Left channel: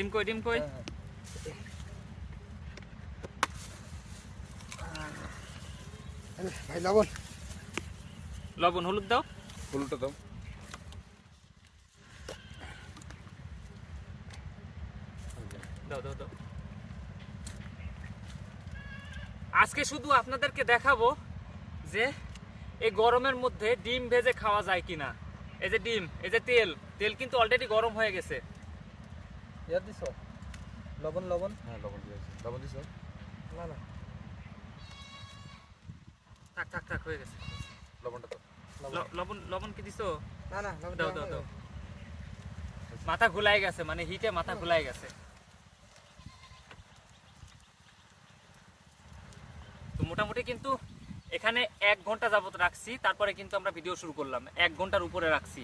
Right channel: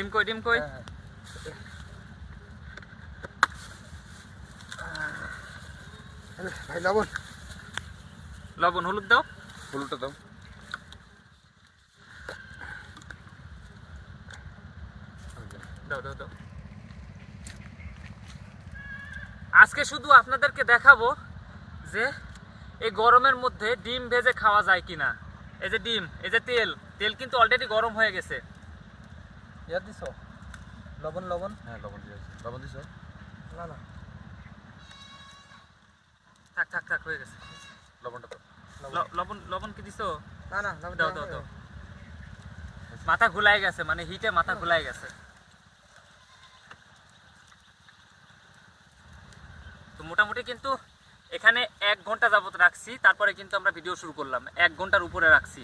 ডিম কই ডিম কই? ভাই লবণ লবণ হলুদ দাও। হলুদটা দাও। দাও দাও দাও। আজকে শুধু আপনাদেরকে দেখাবো যে এই গরমের মধ্যে ডিম ভেজে খাওয়া যায় কিনা। এই যে ডিম, এই যে তেল, তেল কিন্তু অলরেডি গরম হয়ে গেছে। ইয়া দিছো লবণ লবণ হ্যাঁ লবণ দিয়েছি। লবণ দিছো? না না থাক থাক থাক হয়ে গেছে। লবণটা দাও। লবণ লবণ কি দিছো? না না লবণ দাও দাও দাও। মাথা ঘুলাই গেছে, মানে হিটে মাথা ঘুলাই গেছে। তো মোটামুটি কিন্তু এখানে 1 ঘন্টা যাবত রাখছি, তারপরে কিন্তু আমরা ভিডিও শুরু করলাম। 1 ঘন্টার উপরে রাখছি।